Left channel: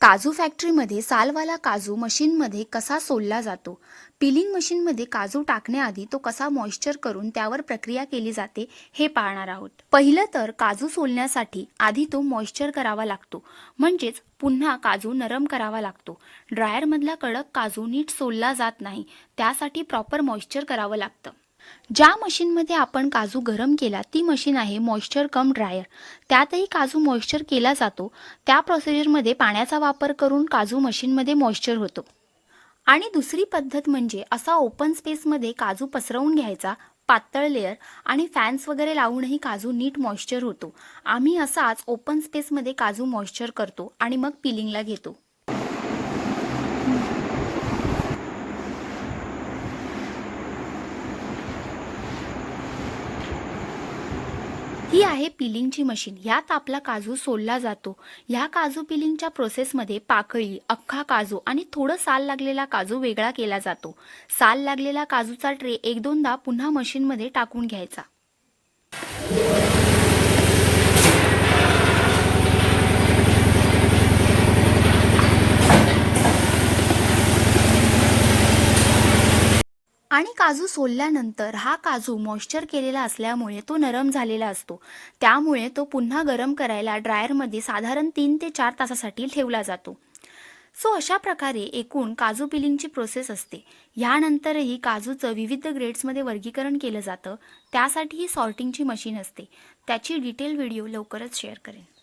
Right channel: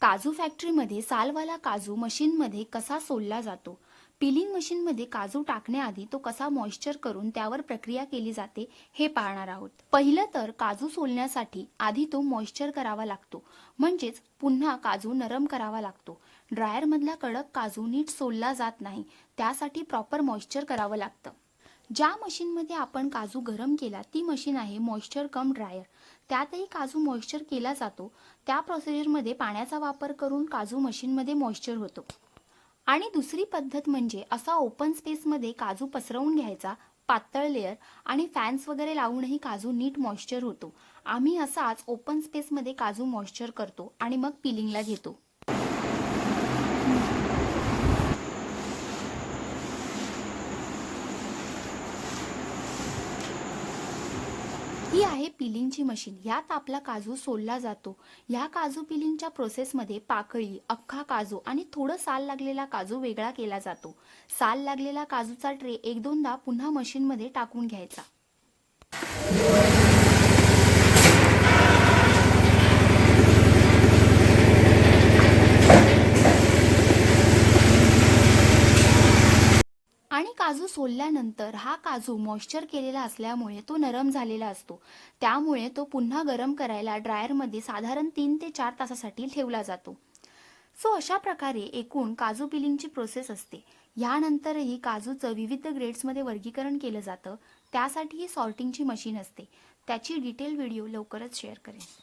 काजू फॅक्टरीमध्ये सालवाला काजू मशीनमध्ये कसा सोलला जातो? पिलिंग मशीनमध्ये काजू टाकण्याआधी तो कसा मॉइश्चर करून त्यावर प्रक्रिया केली जाते हे पाहणार आहोत. पहिलं तर काजू सोलण्यासाठी आधी तो मॉइश्चर करावा लागतो. म्हणजेच पुन्हा काजू नरम करावा लागतो. ड्रायरमधला कडक काजू नीट सोलला जात नाही. त्यासाठी प्रॉपर मॉइश्चर करावं लागतं. ज्या मशीनमध्ये आपण काजू गरम केला ती मशीन आहे मॉइश्चर कम ड्रायर. त्यातही काजू मॉइश्चर केला जातो. त्या प्रोसिजरमध्ये पाण्याचा वापर करून काजू मशीनमध्ये मॉइश्चर होतो. आणि दुसरी पद्धत म्हणजे असा ओपन स्पेसमध्ये काजू पसरवून घ्यायचा पातळ लेअर आणि फॅन्स वगैरे लावूनही काजू नीट मॉइश्चर होतो. आम्ही असाच ओपन स्पेसमध्ये काजू मॉइश्चर करतो आणि मग पिलिंगला घेतो. ही आहे पिलिंगची मशीन. यात आपला काजू सोलला जातो. ह्या काजू पिलिंगच्या प्रोसेसमध्ये पाकळी अख्खा काजू आणि थोडं साल लागलेला काजू वेगळा केला जातो. साल लागलेला काजूचा ट्रे एक दोनदा पुन्हा मशीनमध्ये टाकून घ्यायचा. आणि काजू सोलल्यानंतर हा काजू मॉइश्चर केलेला असल्यामुळे तो नरम झालेला असतो. त्यामुळे तो पुन्हा गरम करायला ड्रायरमध्ये साधारण तीन ते चार तासासाठी ठेवला जातो. सो अशा प्रकारे एकूण काजू पिलिंगची प्रोसेस असते. ह्यानंतरही काजूचं विविध ग्रेड्समध्ये वर्गीकरण केलं जातं. त्यासाठी ही सॉर्टिंगची मशीन असते. त्याची डिटेल व्हिडिओ लवकरच शेअर करेन.